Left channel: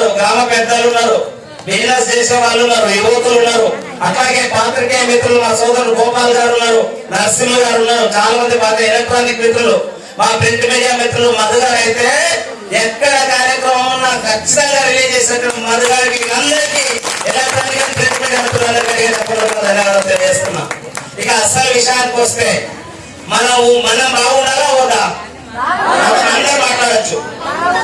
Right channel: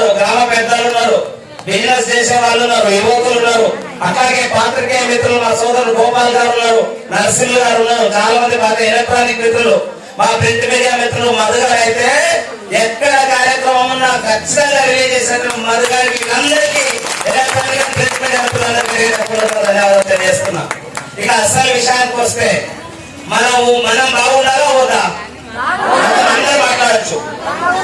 ఉన్నారు, గ్రామ పెద్దలు ఉన్నారు, బిజినెస్ చేసే వాళ్ళు ఉన్నారు, యువకులు ఉన్నారు, అట్లాగే పాత్రికేయ మిత్రులు మా సోదరులు గోపాల్ గారు ఉన్నారు, నరసింహ గారు ఉన్నారు, చాలా మంది మా ఎలక్ట్రానిక్ మిత్రులు, మా ప్రింట్ మీడియా మిత్రులు, మధు గారు అయితే ఎక్కడ కార్యక్రమం ఉన్నా ఖచ్చితంగా రిలీజ్ చేసినటువంటి మధు గారికి అందరికీ ఎలక్ట్రానిక్ ప్రింట్ మీడియా మిత్రులందరికీ ధన్యవాదాలు తెలియజేస్తున్నా. ఇక అసలు విషయానికి వస్తే మనం బాగుండాలా వద్దా అందరూ మాట్లాడచ్చు.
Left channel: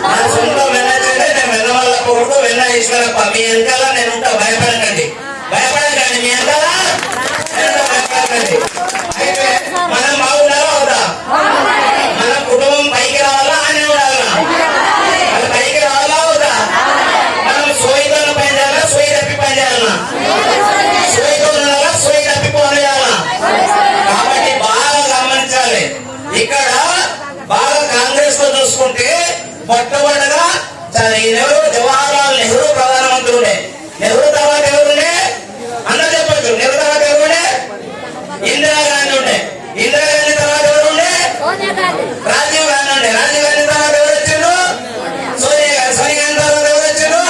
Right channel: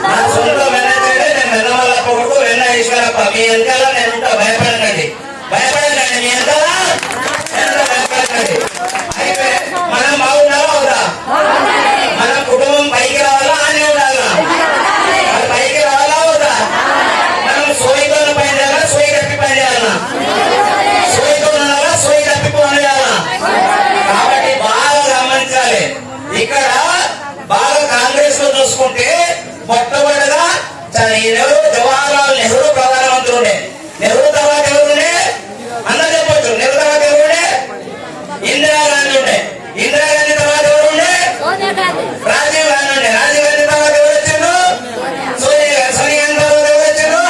నా సొంత వెన్నైతే నేను వెన్నవల్ల కొడుకు వెన్న ఈశ్వరప్ప, మీ వెనకాల నేను ఉంటా, భయపడకండి భయపడకండి, మీ వెనకాల భయపడకండి. అయితే మనం బాగుండాలా వద్దా? మన కుటుంబం పైకి రావాలా అని ఉండాలా? మన పైకి రావాలా వద్దా? మనం సోయితో పని చేయాలా, సోయి తప్పి పని చేయాలా? సోయితో ఉండాలా, సోయి తప్పి పని చేయాలా? కాబట్టి బాగా గమనించాలి. ఇక్కడ బాగా కాంగ్రెస్ లో చూసుకుంటే మొట్టమొదటిగా జవహర్లాల్ నెహ్రూ ప్రధానమంత్రుడే. నెహ్రూ తర్వాత ఎవరుండే అందరూ చెప్పచ్చు. నెహ్రూ తర్వాత ఎవరుండే? ఇందిరాగాంధీ ఉండే. ఇందిరాగాంధీ తర్వాత ఎవరుండే? రాజీవ్ గాంధీ ఉండే. రాజీవ్ గాంధీ తర్వాత ఎవరు వచ్చిండు? సోనియా గాంధీ. సోనియా గాంధీ తర్వాత ఎవరు వచ్చిండు?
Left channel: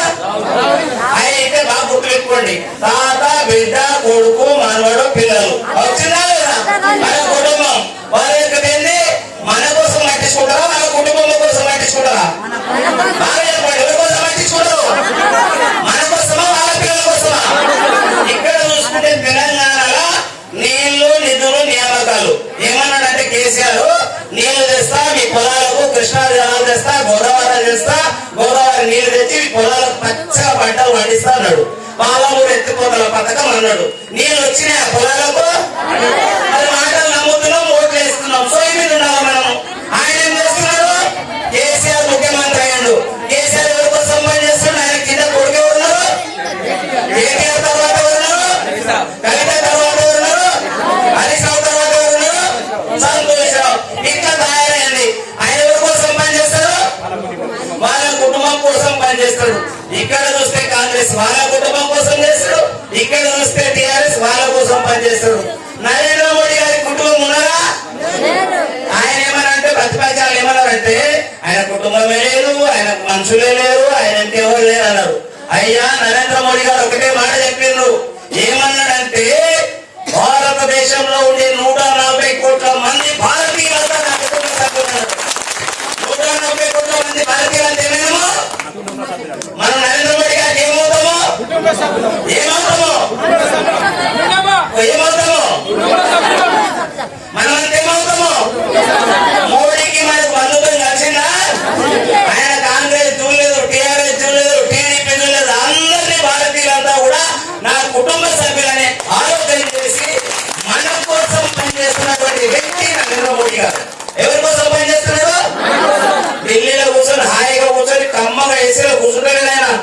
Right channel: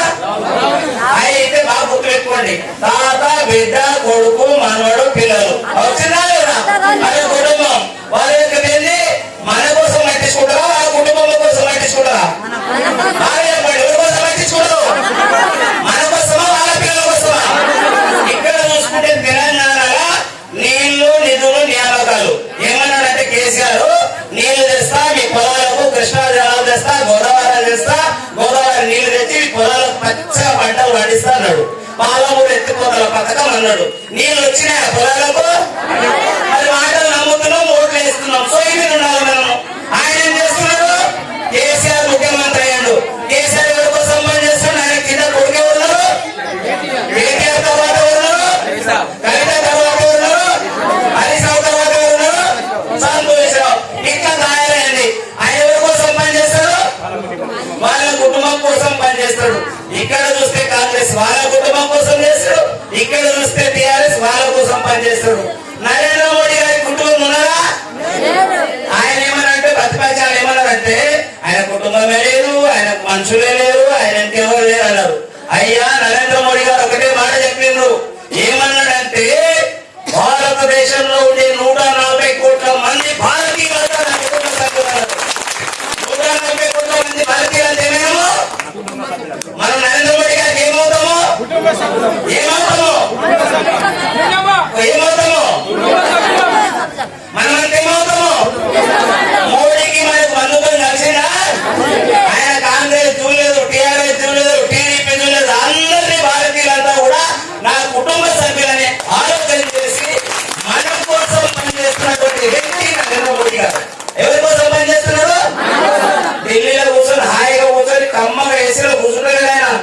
అయితే బాగా గుర్తుపెట్టుకోండి, తాత బిడ్డ కొడుకు మనవడు పిల్లలు వచ్చిందా లేదా? మన కుటుంబం వాళ్ళ యొక్క ఏంది? మన కోసం పట్టించుకుంటారా, వాళ్ళ కుటుంబం కోసం పట్టించుకుంటారా? బాగా చెప్పండి, ఎవరి కోసం పట్టించుకుంటారు? మన కోసమా, వాళ్ళ పిల్లల కోసమా? ఇక్కడ చూసుకుంటే తెలంగాణలో నీళ్లు నిధులు నియామకాలు ఏమన్నాడంటే కేసీఆర్, నీళ్లు తెస్తా మీ పొలాలకు, కృష్ణా జలాలు తెస్తా, గోదావరి తెస్తా, గోదావరి నీళ్లు తెచ్చి పొలాలకు పచ్చగా పంటలు పండిస్తా అన్నాడు. పాలమూరు ఎత్తిపోతల పథకం అన్నాడు. నీళ్లు వచ్చినాయి పొలాలకు, అది మాటలు నమ్ముతున్నాం, ఓట్లు వేస్తున్నాం. సో ఇది ఉండాలి మనం. ఆయన ఏం చేస్తున్నాడు? కేసీఆర్ ముఖ్యమంత్రి అయ్యాడు. కేసీఆర్ ఎవరి కోసం పనిచేస్తున్నాడు? ఆయన కింద కొడుకు ఉన్నారు, కేటీఆర్ తర్వాత ఉన్నారు, కవిత తర్వాత ఉన్నారు, హరీష్ రావు తర్వాత ఉన్నారు, సంతోషరావు. ఇంకా తయారైంది. ఆయన ఎవరి కోసం పనిచేస్తాడు? వాళ్ళ కుటుంబం కోసం పనిచేస్తాడు. ఇక్కడ చూస్తే కాంగ్రెస్ వాళ్ళ కుటుంబం కోసం చేస్తాడు, ఇక్కడ చూస్తే టీఆర్ఎస్ వాళ్ళ కోసం పనిచేస్తాడు. నరేంద్ర మోడీ గారి కుటుంబం ఉన్నారా? ఆయన ఏమన్నారంటే ప్రతిపక్షాలు ఏమన్నారంటే ఆయన కుటుంబమే లేదు, ఆయన మనుషులే లేరు, ఆయన ఇంకెవరు లేరు అన్నారు. అయ్యా నరేంద్ర మోడీ గారు ఒకటే మాట చెప్పిండ్రు. ఏమన్నాడంటే భారతదేశంలో ఉండే 140 కోట్ల మంది భారతీయులంతా నా కుటుంబ సభ్యులు. 140 కోట్ల మంది భారతీయులంతా ఏమేమో మనం నరేంద్ర మోడీ గారికి ఏమవుతామో మనమంతా ఏమవుతామో. మోడీకి మనకు బంధుత్వం కలిసిందా? ఆయన కాంగ్రెస్ చూడలేదు, టీఆర్ఎస్ చూడలేదు, టీడీపీ చూడలేదు, అందరినీ భారతీయులంతా కూడా నా కుటుంబ సభ్యులనే ఆలోచన చేసి మన కోసం పనిచేస్తున్నటువంటి వ్యక్తి నరేంద్ర మోడీ గారు. ఎవరి కోసం పనిచేస్తున్నాడు? ఢిల్లీలో కూర్చొని హాయిగా కూర్చొని కమ్మగా ఏసీలో కూర్చుంటాడు.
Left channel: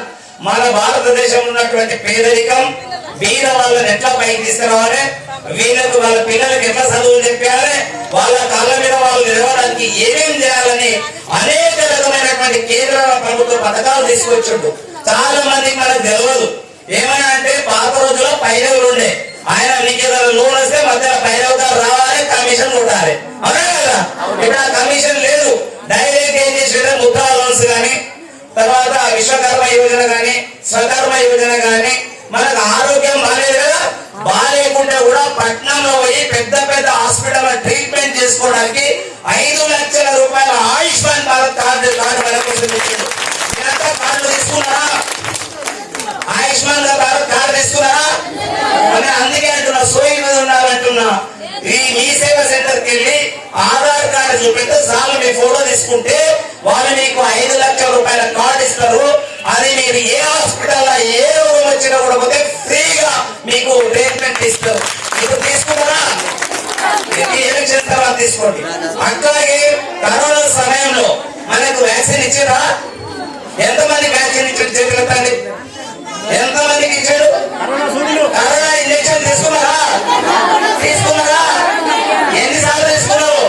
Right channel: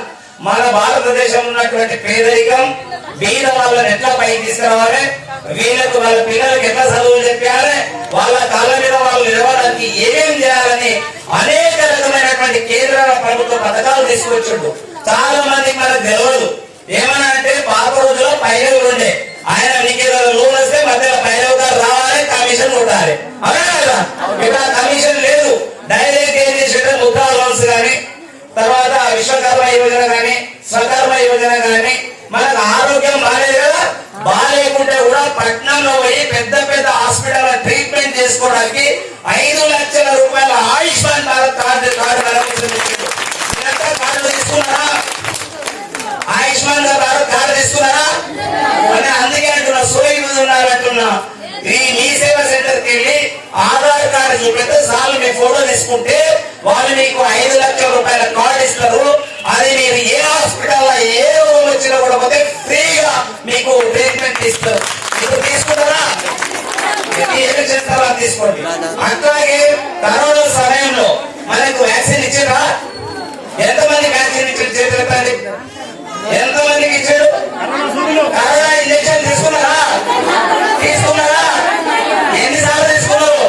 మన భారతదేశంలో ఉన్నటువంటి పేదరికం, బీద వాళ్ళని ఎట్లా పైకి తీసుకురావాలి, వీళ్ళకు వాళ్ళ పిల్లలకు ఎట్లా చదువులు చెప్పాలి, వాళ్ళ కాళ్ళ మీద వాళ్ళు నిలవడానికి ఏమేం చేయాలని అనేక రకమైనటువంటి కేంద్ర ప్రభుత్వ పథకాలు తీసుకొచ్చిండు. చాలా మంది మనకు తెలియదు. ఏమన్నా అంటే పాత రోజుల్లో పైరవులు ఉండే, ఆయన మీకు లోన్ వస్తే మధ్యలో పైరవుతారు రావాలి, కమిషన్ కొట్టాలి. అవునా కదా? ఇప్పుడు ఆ కమిషన్ లేదు. డైరెక్ట్ ఏం చేసేది ముద్రా లోన్స్ కానీ, తర్వాత విశ్వకర్మ యోజన కానీ, స్వకర్మ యోజన కానీ. మనకు ఆరోగ్యం బాగాలేదు కదా, బాగాలేకుంటే కూడా పట్నంలో పోయి పెద్ద పెద్ద హాస్పిటల్ ట్రీట్మెంట్ చేసుకోవడానికి 5 లక్షల రూపాయల ఆయుష్మాన్ భారత్ కార్డు కార్డు తీసుకున్నారా? ఆయుష్మాన్ భారత్ కార్డు తీసుకున్నారా? అని అందుకే అంటున్నా, సోయి మీద ఉన్నారంటున్నా. మీ సేవా సెంటర్ కి వెళ్ళి ఆధార్ కార్డు చూపెడితే చాలు, మీ ఫోటో తీసుకుంటే వాళ్ళు మీకు 5 లక్షల రూపాయల కార్డు ఇస్తారు. అది మీరు ఏ హాస్పిటల్ ఏ రోగం వచ్చినా కూడా పోతే ఫ్రీగా మీకు ట్రీట్మెంట్ ఇస్తారు. ఇప్పుడు తీసుకుంటారా? ఎలక్షన్ తర్వాత తీసుకోండి. అట్లాగే కరోనా సమయంలో మనకు వ్యాక్సిన్ ఇచ్చారా? ఎంతమంది వ్యాక్సిన్ ఇచ్చారు? చేతులెత్తండి. ఎంతమందికి ఇచ్చాడు? కరోనా ఇంజక్షన్ తీసుకున్నారా? ఎన్నిసార్లు తీసుకున్నారు?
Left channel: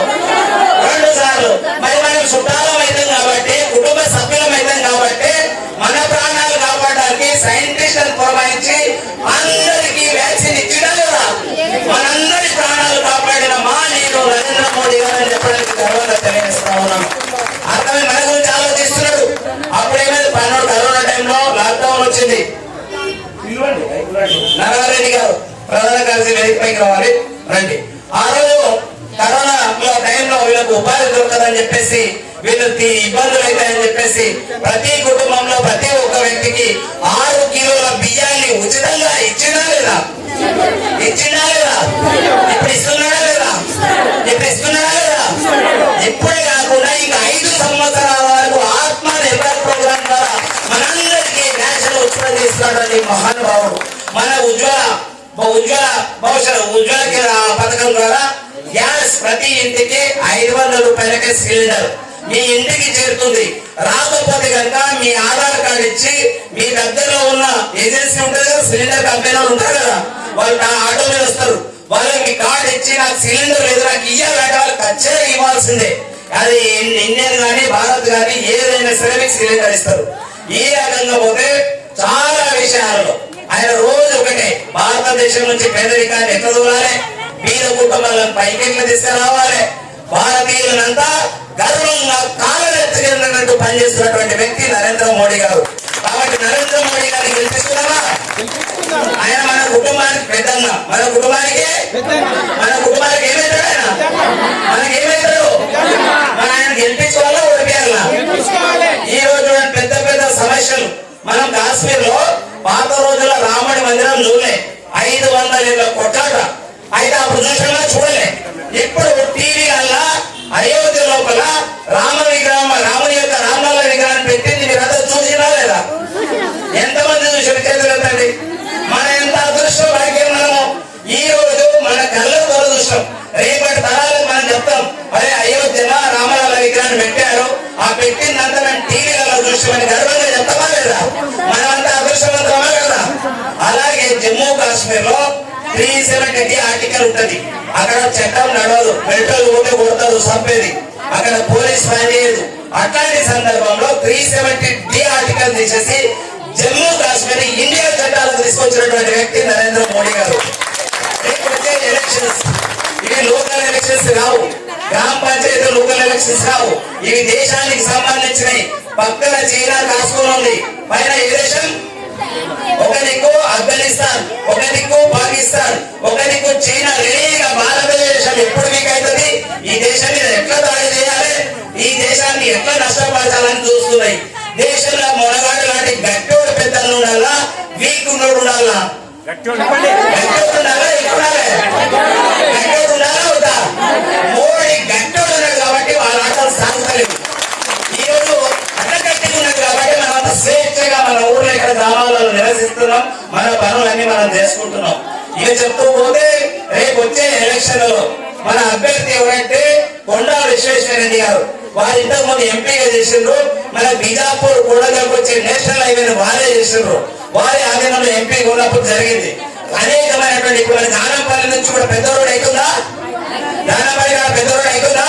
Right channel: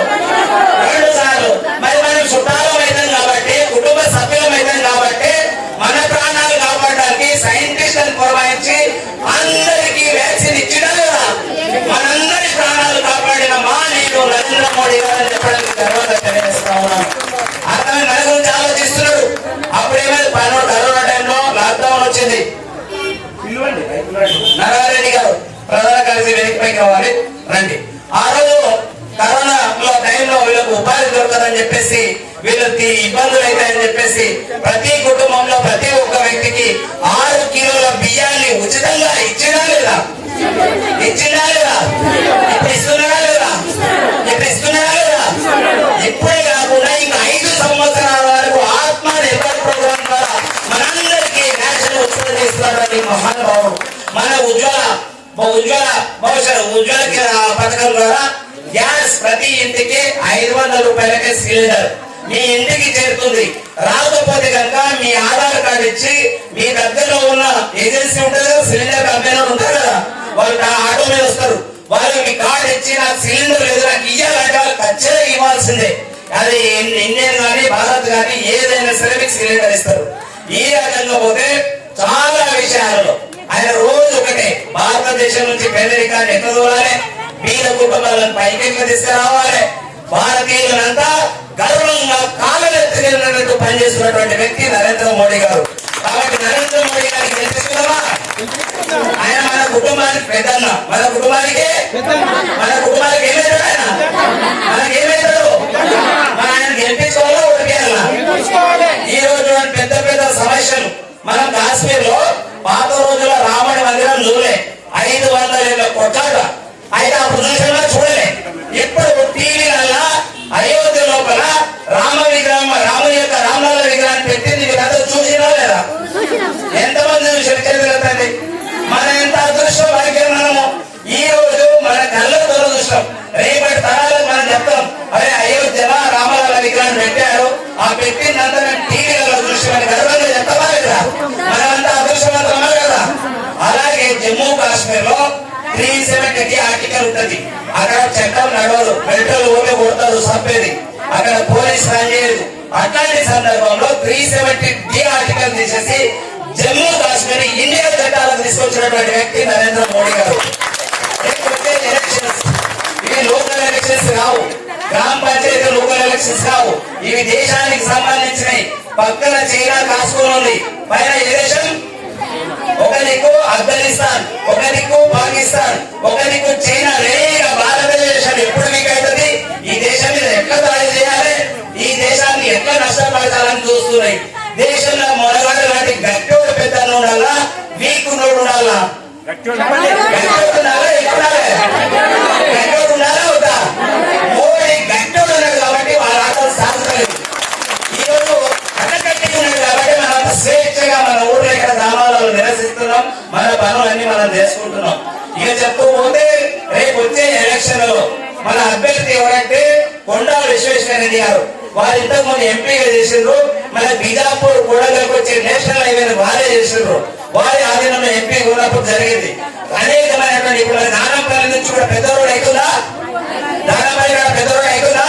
2 సార్లు. మరి మనం చుట్టాలం అవుతాం కాబట్టి, కుటుంబ సభ్యులం అవుతాం కాబట్టి, మన ప్రాణాలు కాపాడడానికి సైంటిస్టులను పురమాయించి నారాయణ గారు ప్రధాన కార్యదర్శి వేదికపైకి రావాలి, రండి. ఆ రోజు కరోనా టైంలో వీళ్ళకు ఉపాధి దొరకదని చెప్పేసి, వీళ్ళకి ఇబ్బందులు అవుతాయని చెప్పేసి ప్రతి కుటుంబంలో ప్రతి ఒక్క వ్యక్తికి 6 కిలోల బియ్యాన్ని ఉచితంగా ఇచ్చినా లేదా? ఇప్పుడు ఇస్తున్నారా లేదా? ఇప్పుడే కాకుండా ఇంకా 5 సంవత్సరాల వరకు ఆత్మ నిర్భర్ ప్రోగ్రామ్ ద్వారా మనందరికీ నేషనల్ ఉత్పత్తి చేస్తున్నారని మహానుభావుడు. మన ఉజ్వల పథకం ద్వారా గ్యాస్ ప్రతి ఇంటికి 500 రూపాయలకే సిలిండర్ మీ ఇంటికి చేరుతుంది. రాకపోతే కనుక మీ ఆధార్ కార్డు ఇచ్చి మీ దగ్గరలో ఉన్న ఏజెన్సీ ఉంటుంది కదా, సిలిండర్ కంపెనీ వాళ్ళు ఉంటారు కదా, వాళ్ళు ఆటో మీద వస్తారు. వాళ్ళు మీ కార్డు ఇచ్చి నాకు సిలిండర్ లేదు నాకు ఇయ్యాలంటే వాళ్ళు ఖచ్చితంగా ఇవ్వాల్సిందే. అది ఇండియన్ కానీ భారత్ కానీ ఏదైనా సరే మీకు సిలిండర్ ఇస్తారు. ఈ రకంగా పోతే చాలా విషయాలలో ఆయన రోజు ఒకటే, భారతదేశం నుంచి పేదరికాన్ని ఎట్లా దూరాలి, పేద కుటుంబాలను పైకి తీసుకురావాలి, భారతీయులంతా గర్వంగా కాలనెత్తినట్టు పనిచేస్తున్నటువంటి వ్యక్తి నరేంద్ర మోడీ గారు. కాబట్టి నరేంద్ర మోడీ గారికి గెలిపిస్తున్నామా? ఆయన మన కుటుంబానికి పెద్దన్న, మన కుటుంబానికి ఏమవుతాడు? ఆయన మనకి ఏమవుతాడు? మన ఆయన గెలిపించుకోవాలా ఓడిపోయాలా? ఈ రోజు పెద్ద పెద్ద సమస్యలు మనం కాశ్మీర్ లో పాత రోజుల రాముడి మందిరం చూడలే, 500 ఏళ్ళ కొట్టాట. అయితే అప్పుడు చూసినా చూడలే. ఇప్పుడు టీవీలల్లా అయోధ్య లోపల రాముని యొక్క రామలాల విగ్రహాన్ని పెట్టింది మీరంతా చూసినా లేదా? ఎంతమంది చూసి మన ఎంత అదృష్టం వాడికే. మనము ఈ రోజు మన కళ్ళకు దురదృష్టం, రేపటి తరాలకు మనం చెప్తాం, అరే అయోధ్యలో రామలాల విగ్రహాన్ని పెట్టారు, ఆ పెట్టిందంతా మేము టీవీలలో చూసి మన గర్వంగా చెప్తామా లేదా? మనమంతా అదృష్టవంతమా కదా? అలాగే జమ్మూ కాశ్మీర్ లో 370 ఆర్టికల్ ఉంటది. అక్కడ చట్టం నడవదు, మెట్రోలు పోతే కొడతారు, చంపేది, అక్కడ పోలీస్ పనిచేయదు. అట్లాంటి సందర్భంలో 370D ఆర్టికల్ తీసేసి జమ్మూ కాశ్మీర్ ఇండియా చట్టాలకు తీసుకొచ్చినటువంటి వ్యక్తి నరేంద్ర మోడీ గారు. ఎలక్షన్స్ ఇవి లోకల్ ఎలక్షన్స్ కావు, గ్రామ పంచాయతీ లోకల్ ఎలక్షన్స్ కావు, ఇవి దేశానికి సంబంధించినవి. పక్కన చైనా కాసుకొని ఉంది, పైన ఏ దేశం? ఒక దిక్కు ఆఫ్ఘనిస్తాన్, ఒక దిక్కు పాకిస్తాన్, ఒక దిక్కు చైనా. రేగా భారతదేశం ఎప్పుడు మీకు అవుతుంది? ఈ దేశాన్ని ఎట్లా దాడి చేయాలి, ఈ దేశాన్ని ఎట్లా నష్టపరచాలని చూస్తున్నాయి. దేశంలో మొనగాడు లాంటి గట్టోడు పెద్దలు ఉండాలా, వీక్ ఉన్నోడు ఉండాలా? గట్టోడు ఉండాలా, గట్టోడు ఉండాలా వద్దా? మోడీ గట్టోడు ఉన్నాడు కాబట్టి వాళ్ళ ఆటలు సాగుతలేదు. ఈ రోజు అడ్డగట్టిగా ఉన్నాడు కాబట్టి మనం స్వేచ్ఛగా మన ఊర్లో ఇక్కడ గ్రామాలలో నివసిస్తున్నాం, మన పనులన్నీ మనం చేసుకుంటున్నాం. ఇక చెప్తూ పోతే రేపు వచ్చే ఎలక్షన్లలో మన అభ్యర్థి ఎవరంటే కొండా విశ్వేశ్వరరెడ్డి గారు. వారు ఇంతకు ముందు ఎంపీగా చేసిండ్రు, మన బీజాపూర్ కూడలకు వచ్చే నేషనల్ హైవేని వారే చేసిండ్రు. వారి ఆధీనంలో ఎంపీ ఉన్నప్పుడు జరిగింది. అనేకమైనటువంటి ఇప్పుడు నాగంపల్లి నుంచి కూడా పెద్ద రోడ్ అవుతుందా? దానపల్లి గారు పెద్ద రోడ్ అవుతుందా?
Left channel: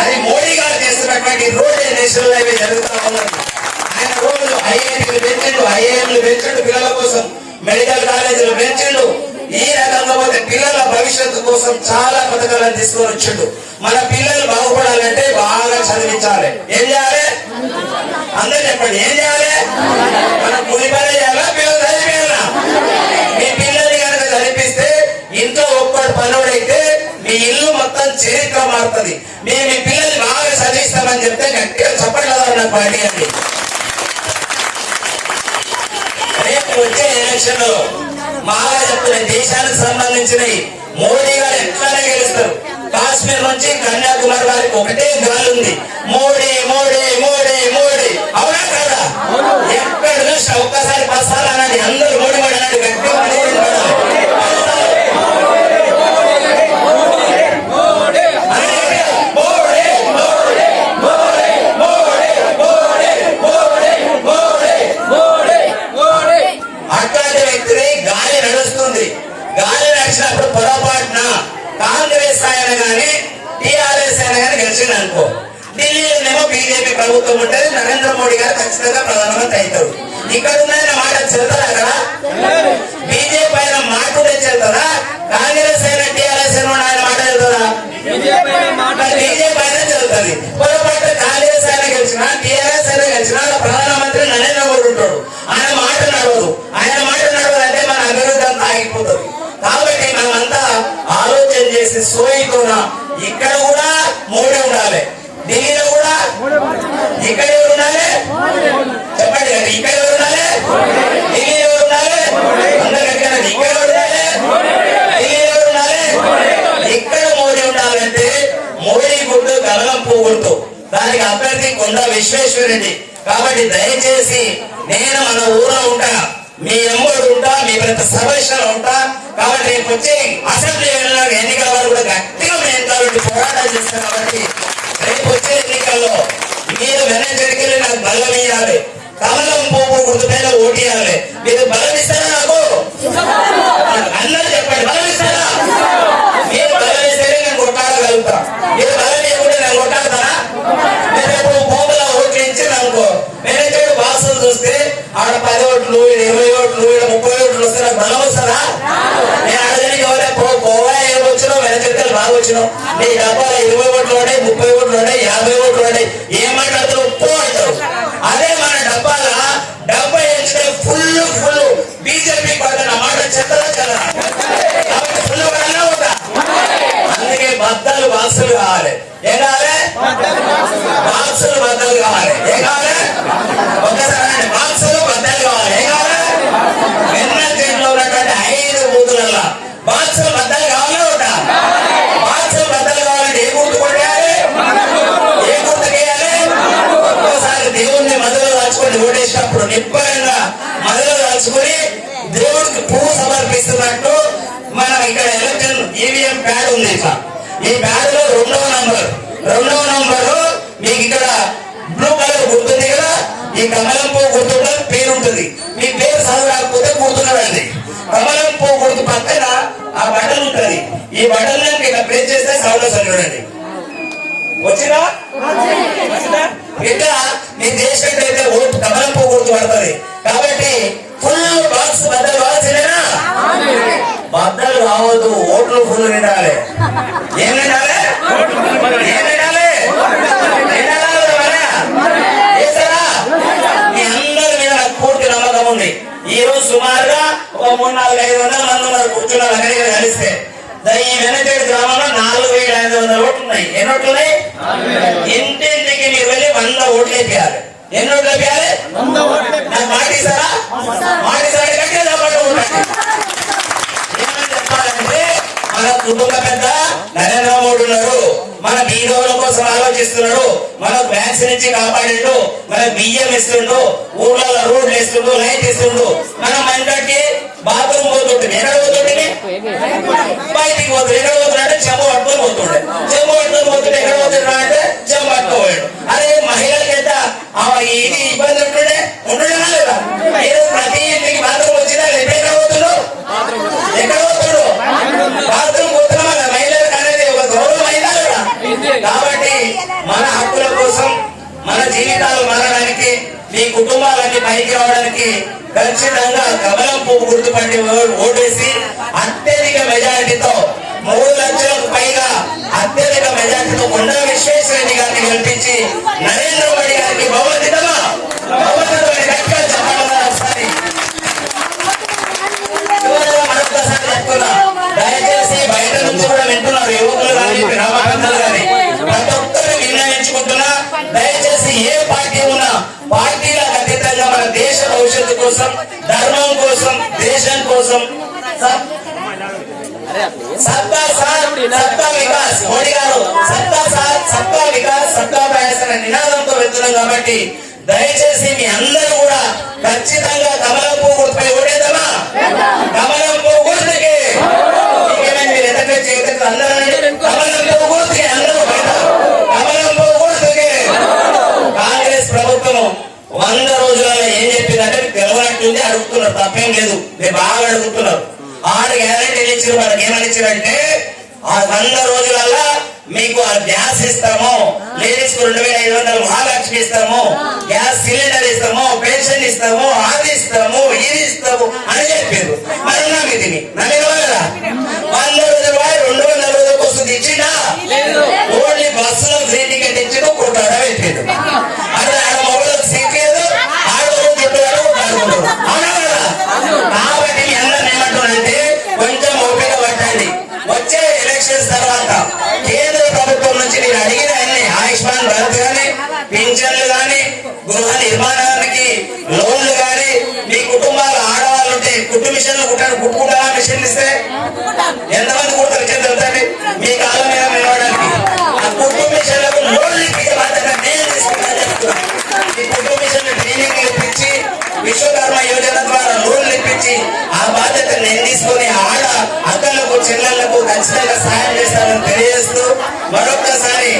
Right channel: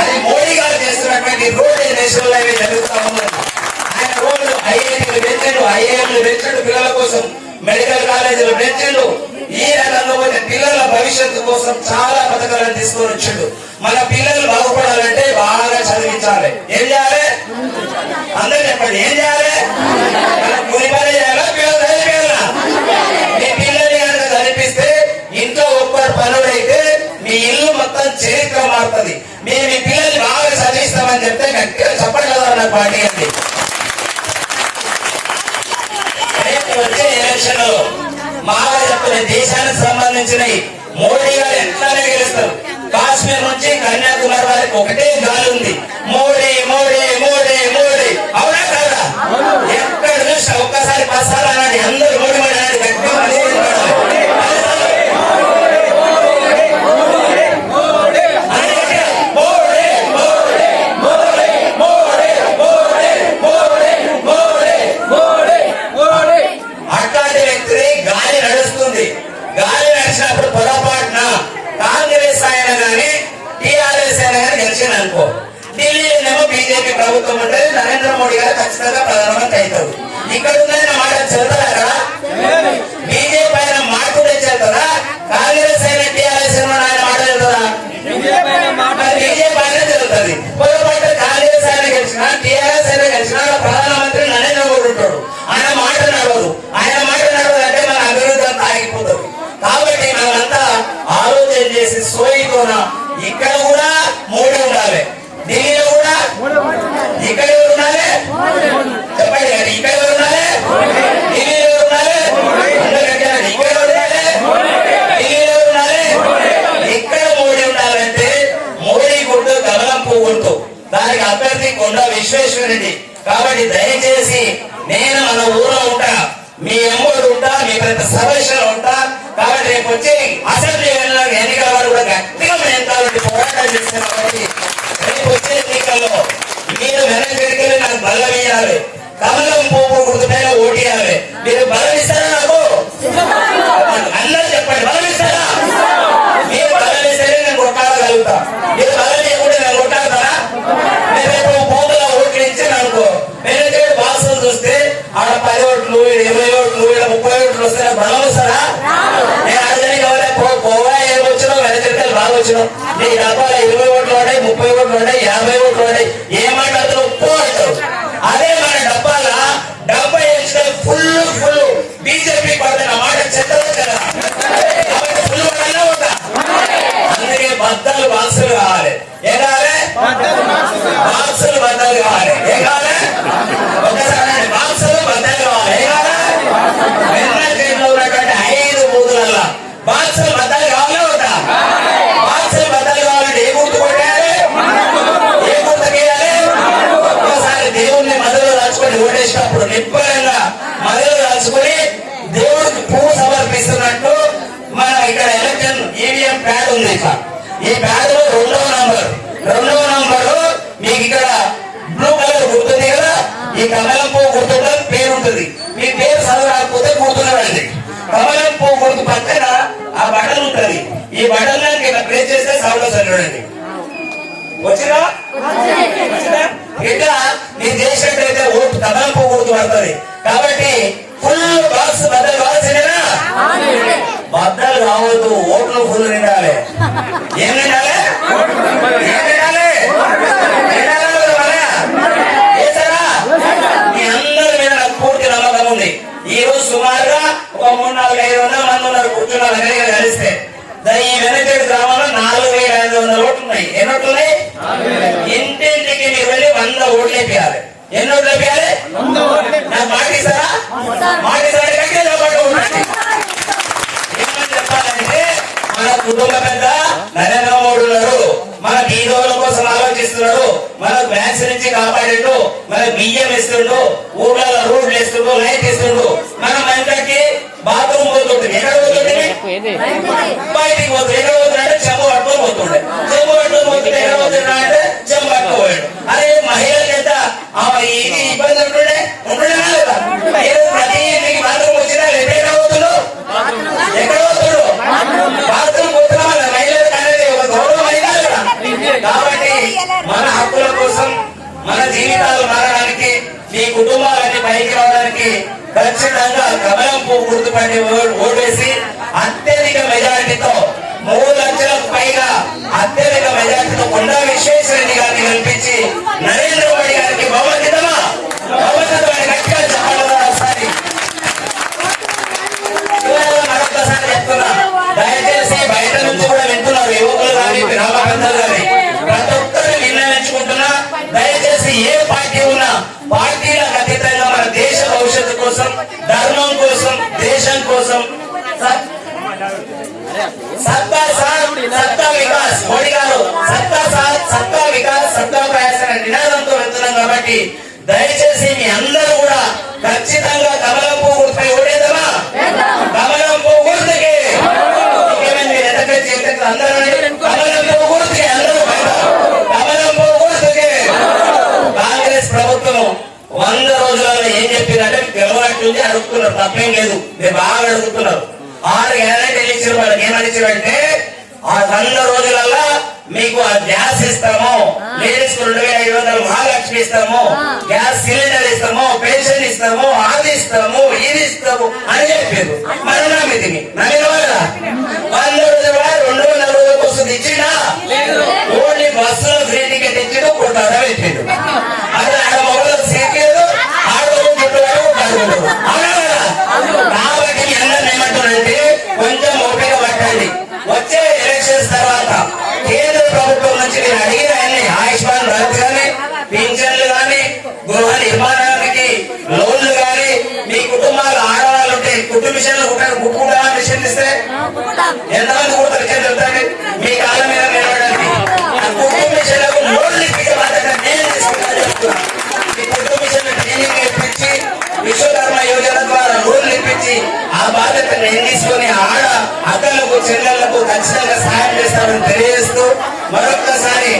అది మోడీ గారు చేస్తున్నటువంటి రోడ్ నేషనల్ హైవే జరుగుతా ఉన్నది. ఆయన రోడ్లు ఐఐటీలు పెంచండు, ఐఐఎంలు పెంచండు, పిల్లల కోసం మెడికల్ కాలేజీలు పెంచండు. ఈ రకంగా పోతే పిల్లల భవిష్యత్తు కోసం చాలా పథకాలను తీసుకొని వచ్చిండు. మన పిల్లలు బాగుపడాలంటే బాగా చదివించాలి. ఏం చేయాలి? అందరూ చెప్పండి, ఏం చేయాలి? మన కొన్ని పని చేయాలా, పిల్లలు చదివించాలా? మీ పిల్లల్ని కనుక చదివిస్తే ఇంట్లో ఒక్కడు పనుడైతే మీ ఇల్లు మొత్తం చరిత్ర మారుతుంది. మీ పిల్లల్ని బాగా చదివిస్తామని చెప్తే గట్టిగా చప్పట్లు నాకు పాటించండి. రేపు వచ్చే ఎలక్షన్ లో బాగా చెప్పలే, దేశానికి సంబంధించినవి మోడీ గారు ఎట్లనే గెలుస్తారు. కాశ్మీర్ నుంచి కన్యాకుమారి వారికి ఒకటే గాలి ఉంది, మోడీ మోడీ మోడీ మోడీ. అవునా కదా? ఎక్కడ చూసినా ఒక్కసారి 10 సార్లు అనండి, అందరూ మోడీ మోడీ అనండి, గట్టిగా అట్లాంటి వ్యక్తిని గాలి నడుస్తుంది. గాలి నడిచినప్పుడు పొరపాటున కాంగ్రెస్ ఆయన గాని టీఆర్ఎస్ ఆయన గాని గెలిచిన అనుకో, ఢిల్లీలోనేమో బీజేపీ ప్రభుత్వం ఉంటుంది, నరేంద్ర మోడీ గారు ఖచ్చితంగా ప్రధానమంత్రి అవుతారు. ఇక్కడ ఉన్న మాట చెల్తారా? అక్కడ బీజేపీ ఆయన మాట ఉంటే చెల్తారా? కాంగ్రెస్ అయినా టీఆర్ఎస్ అయినా ఆయన మాట చెల్తారా? బీజేపీ అయినా జరుగుతుంది. పొరపాటు కాంగ్రెస్ అయినా గెలిచినా టీఆర్ఎస్ అయినా గెలిచినా ప్రధానమంత్రి నరేంద్ర మోడీ ఉంటాడు. ఆయన మాట నడవదు. ఆయన మాట నడవదంటే మన అయిపోయింది. కాబట్టి దయచేసి నేను మన ఊళ్ళో ఉంటా, మీ ఎమ్మడు ఉంటా, మీ ప్రతి సభలో ఉంటా. కాబట్టి రేపు వచ్చి అసెంబ్లీ ఎన్నికల వారు కూడా గట్టిగా మేము కాబట్టి పోరాటాలు చేస్తాం. కాబట్టి రేపు వచ్చే ఎన్నికల్లో మీరు వెనకెళ్ళి నాకు బలం వేయాలి, కమలం పువ్వు గుర్తుపైన ఓటేయాలి. మీరు బలం ఇస్తారా? నాకు అందరూ చెప్పండి, బలం ఇస్తారా? మీరు బలం ఇస్తేనే నేను కొట్టాడగలుగుతా. మీరు బలం ఇవ్వకుండా నేను కొట్టాడతానా? నేను రేపు భూముల ఓట్లు ఇచ్చింది అనుకో, నేను బాక్సులు చూస్తే ఆడ 10 ఓట్లు, 20 ఓట్లు, 30 ఓట్లు వస్తే నాకు బలం వస్తారా? నేను అడగడానికి ఎవరే పోవా, ఏం వచ్చినావు, వెనకెళ్ళి బాగా వచ్చినావు, నీ డబ్బాలు 20 ఓట్లు ఉన్నాయి, 30 ఓట్లు ఉన్నాయి, 50 ఓట్లు ఉన్నాయి, ఏమంటారు? ఉప్పు అంటారు. అదే మన డబ్బాల 70 ఫుల్ బీజేపీ పడుతున్న మాట చెత్తదా కదా, కాబట్టి ఫుల్ పడన్నా ఉంటా. అందుకే బద్దలు బాక్సులు కావాలి. ఏం కావాలి? బాక్సులు బద్దలు కావాలి. ఏం కావాలి? ఒకసారి బాక్సులు బద్దలు కావాలి. ఏం కావాలి? వెన్నెల చేతిలో ఉన్నటువంటి 5 బూతులల్లా బాక్సులు బద్దలు కావాలే ఉంటా. బాక్సులు బద్దలు కావాలంటే ఏ గుర్తు కొట్టాలి? ఏ గుర్తు గీయాలి? ఒక్కోసారి దేవుణ్ణి మధ్యలో దాచుకొని ఓడేసినప్పుడు నిబ్బరంగా మధ్యలో దాచుకొని దేవుడికి పువ్వు సమర్పిస్తున్నట్టు మనం ఇక్కడ ఎలక్షన్ ఈవీఎం ప్యాడ్ ఉంది. ఈ ప్యాడ్ లో 2వ నంబరు మీకు ఇక్కడ బ్లూ కలర్ గుర్తుంది కదా, ఈ కమలం పువ్వు గుర్తుంటుంది, పేరు ఉంటుంది. మీ పేరు చదువు రాకపోతే గుర్తున్నాడండి. కమలం పువ్వు గుర్తు పక్కన ఆ బటన్ ఉంటుంది. ఈ బటన్ దానికి ఇక్కడ ప్రెస్ చేస్తే సౌండ్ వస్తుంది. వచ్చినా ఇట్లా మీ దేశం అయితే ఓటు కమలం పువ్వు గుర్తు పడుతుంది. కాబట్టి ఫుల్ బాక్స్ బద్దలు కావాల్సిందేనా? బద్దలు కావద్దు, ఓట్లు ఫుల్ నిండాలి. ఏం నిండాలి? ఏం నిండాలి? చేస్తారా? మీ అందరి మీద నాకు పూర్తి నమ్మకం ఉంది. ఈ రోజు సుమారుగా ఒక 300-400 మంది ఉన్నారు కూర్చున్నారు. అక్కడికి కలిస్తే ఈ వెనకేడు గ్రామంలో 4500 ఓట్లు ఉన్నాయి. ఎన్ని ఓట్లు ఉన్నాయి? ఇంటింటికి మీరు వెళ్ళి 100 ఓట్లు వేయాలి. ఎన్ని ఓట్లు వేయాలి? నాకు మాటిస్తారా? మాటిస్తారా? గట్టిగా చెప్పండి. ఏమని చెప్పాలంటే మన కుటుంబ పెద్ద నరేంద్ర మోడీ ఉన్నాడు, మన బీదోల కోసం ఆలోచిస్తున్నాడు, మన బ్యాంక్స్ నుంచి కాపాడిండు, మన బియ్యం ఇస్తుండు, ఊర్లలో రోడ్లు వేస్తుండు, లైట్ ఇస్తుండు. మనం మనకి బాత్రూమ్ పోతుంటుంది. ఎక్కడ పోతుండే? బయటికి పోతుంది. ఎక్కడ పోతున్నాడు? చెంబు పట్టుకొని పోతుండే. చెంబు పట్టుకొని పోతుండే. ఎక్కడ పోతున్నా అంటే చెంబు పట్టుకోపోయాడు. అదే మహిళలకు ఎంత ఇది ఇబ్బంది ఉంటుండేనా లేదా? ప్రతి ఇంటికి బాత్రూమ్ వచ్చినా ఎక్కడ పోతుండు? ఎక్కడ పోతుడు? బాత్రూమ్ పోతున్నా మహిళలకు అనేది ఒక గౌరవం అయినా లేదా? కాబట్టి మన హక్కుల కోసం, మన జీవితాలు మారడానికి, మీ కుటుంబాలన్నీ పైకి రావడానికి ఖచ్చితంగా కమలం పువ్వు గుర్తుపట్టి ఓటేసి అత్యధిక మెజారిటీతో 3 లక్షలకు పైగా అత్యధిక మెజారిటీతో కొండా విశ్వేశ్వరరెడ్డి గారిని గెలిపించి నరేంద్ర మోడీ గారికి భగవద్గీతమా భగవద్గీతమని గట్టిగా చెప్పాలి. మరొకసారి చెప్తున్నా, దయచేసి బయట నుంచి కూడా వింటున్నారు యువకులు కానీ గ్రామ పెద్దలు కానీ ప్రతి ఒక్కరిని విన్నవించుకుంటున్నా, దయచేసి ఏ పార్టీ ఉన్నా పార్టీలకు అతీతంగా మన దేశ భవిష్యత్తు కోసం, ధర్మం కోసం, దేశం కోసం సబ్కా సాత్ సబ్కా వికాస్, మోడీ గారు సబ్కా సాత్ సబ్కా వికాస్ సబ్కా ప్రయాస్ అనే నినాదంతో వెళ్తున్నాం. కాబట్టి దయచేసి మీ అందరూ కూడా ఖచ్చితంగా కమలం పువ్వు గుర్తుపై ఓడేద్దామా? కమలం పువ్వు గుర్తుకి మీరు ఎదట చేయటం అందరూ కమలం పువ్వు గుర్తుకి అందరూ బయట కమలం పువ్వు గుర్తుకి. కాంగ్రెస్ ప్రభుత్వం 100 రోజులలో ఏం చెప్పిందంటే గెలవాటుంది అడుగుతున్నారు, తప్పేం లేదు, మీరు బాగా అడుగుతున్నారు. 6 గ్యారెంటీలు ఇచ్చిన వాళ్ళకి ఏమని ఇచ్చారంటే ఆ 100 రోజులలో మీకు ఆ గ్యాస్ ఇస్తాము, లేడీస్ కు 2500 మహాలక్ష్మి ఇస్తాము, గ్యాస్ సిలిండర్ ఇస్తాము, పెన్షన్ ఇస్తాము, అది ఇస్తాము, ఇది ఇస్తాము అని చెప్పారు. మరి నమ్మిది నమ్మేవా కదా? 100 రోజుల 200 రోజుల కోసం ఇచ్చిందా? ఓన్లీ బస్సులో ఫ్రీ టికెట్ ఇచ్చిండు, కొట్టాడా పెట్టిండు. అక్కడ ఆడ మొబైల్ సీట్ లేదు, ఆడవాళ్ళు చుట్టూ కొట్టాడు. అవునా కదా? కాబట్టి అందరూ ఏమంటున్నారంటే కొంచెం ఓపిక పట్టండి. వచ్చే ఎలక్షన్స్ తర్వాత కేంద్ర ప్రభుత్వం నుంచి మీరు అడిగిన ఆయుష్మాన్ భారత్ కానీ, పింఛన్లు కానీ, గృహ నిర్మాణానికి లోన్లు కానీ, మీ కుటుంబాలు ఆడవాళ్ళు ఉంటే కుట్టు మిషన్లు కుట్టుకుంటా మిషన్లు ఇస్తే ఎంతమంది కుట్టారు చెప్తారు మీ కాలం మీద నిలవడానికి. ఆ కుట్టు మిషన్లకు లోన్లు ఇచ్చే బాధ్యత నేను తీసుకుంటా చెప్తున్నా. నేను తీసుకొని ఆడ అక్కలకు చెల్లెళ్లకు ఖచ్చితంగా సహాయం చేస్తామని తెలియజేస్తూ మరొక్కసారి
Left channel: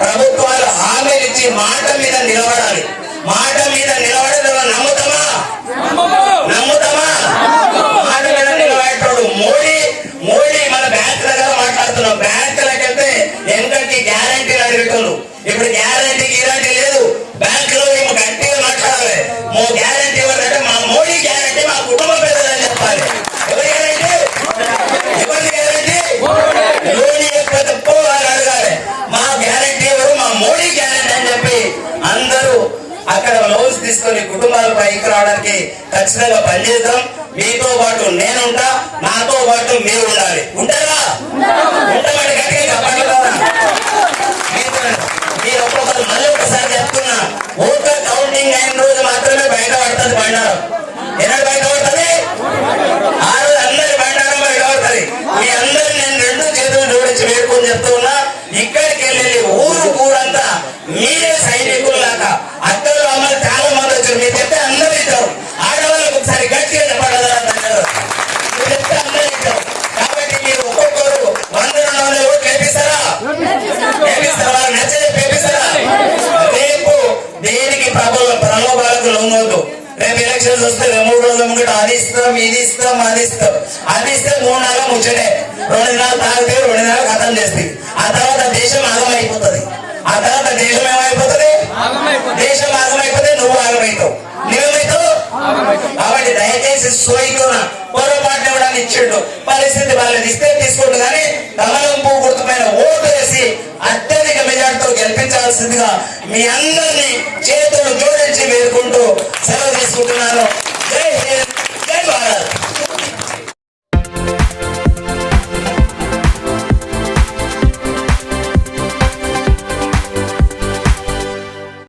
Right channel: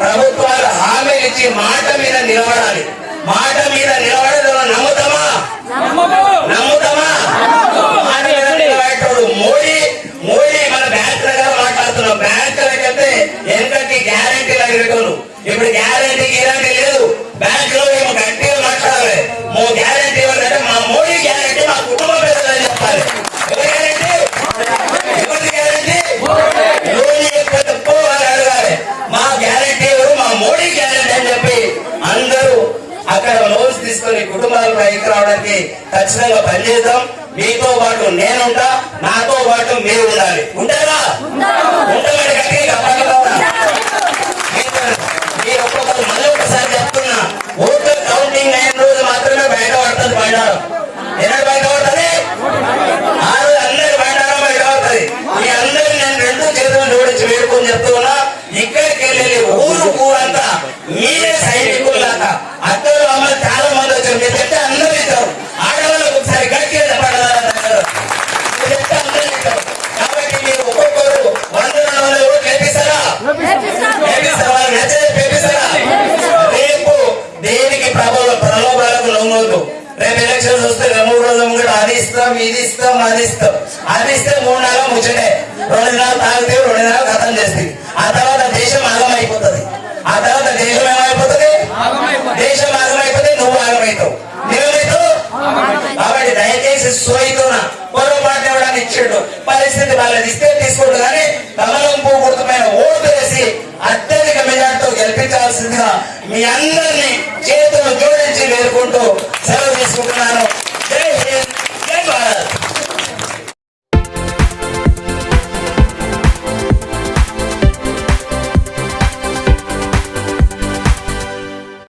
ప్రభుత్వాలు హామీ ఇచ్చి మాట మీద నిలబడాలి. మాట మీద నిలబడడం నమ్ముతామా? నమ్ముతామా? మాట మీద నిలబడేటోడు మోడీ మన బ్యాంక్ దగ్గర మాట్లాడుతున్నాం. బ్యాంకులకైతే ఎంతటి గ్యారంటీ అడిగేటోళ్ళు ఇప్పుడు గ్యారంటీ గ్యారంటీ లేదు. బ్యాంక్ లో ఏమో గట్టిగా మాట్లాడాలి. గ్యారంటీ ఇవ్వాలంటే మా మోడీ గ్యారంటీ మా కుటుంబ పెద్దలని చెప్పాలి. ఎవరి గ్యారంటీ? ఎవరి గ్యారంటీ? మోడీ తప్పు అని అడగాలి. మా గ్యారంటీ ఎవరు? మా మోడీ గ్యారంటీ అని చెప్పి అందరూ అక్కడ లోన్స్ తీసుకొని కుటుంబాలు పైకి రావడానికి ఖచ్చితంగా పనిచేద్దాం. మీతో పాటు నేనుంటా, నాతో పాటు మీరు ఉండాలి. ఉంటారా? ఉంటామని గట్టిగా పట్టుకోరా. మీరు ఒక్కొక్కరు మళ్ళీ ఒకసారి చెప్తున్నా, ఓటర్ కౌంటింగ్ అయిన రోజు మాత్రమే బయటపడుతుంది బండారం. ఎన్నడు బయటపడుతుంది? ఆ రోజు అందరి బండారం బయటపడుతుంది. మీ అందరూ నేను రెండు చేతులు జోడించి వేడుకొని చెప్తున్నా, ఇక్కడికి వెళ్ళి ఊరంతా మీరే సైనికుల్లాగా అక్కలు అమ్మలు చాలా మంది వచ్చారు. మీరు చెప్తే అందరూ ఇస్తారు. ఆడవాళ్ళకి ఒకసారి గట్టిగా చెప్పగలరా? చెప్తే అందరూ ఇస్తారు. కాబట్టి మీరు ఒక్కొక్కరు 100 ఓట్లు వేపిస్తారా? వాళ్ళు నచ్చే వేపిస్తారా? రేపు దేనికి ప్రలోభాలకు లొంగొద్దు. రేపు ఎలక్షన్స్ వస్తే 3 రోజుల ముందు అది ఇస్తాం, ఇది ఇస్తాం, అది ఇస్తాం. అది ఇస్తే 3 నెలలు ముచ్చటే. 2 నెలలు తాగితే 2 నెలలు ఖతం చేస్తుంది. ఆ తర్వాత దేశం ఆగమైపోతుంది. ఆ తర్వాత దేశం ఏమైపోతుంది? దేశం ఆగమైపోతే నువ్వు ఆగమవుతావు. నువ్వేమవుతావు? కాబట్టి దయచేసి సోయితున్నా పొరపాటు ఎవడని ఇచ్చిండు పరిస్థితి వాళ్ళని ఇస్తే తీసుకుంటు కానీ కమలం పువ్వు గుర్తుపైన ఓటు వేసి అత్యధిక మెజార్టీతో గెలిపించాల్సిందిగా మీ అందరినీ చేతులు జోడించి వేడుకుంటూ సెలవు తీసుకుంటున్నాను.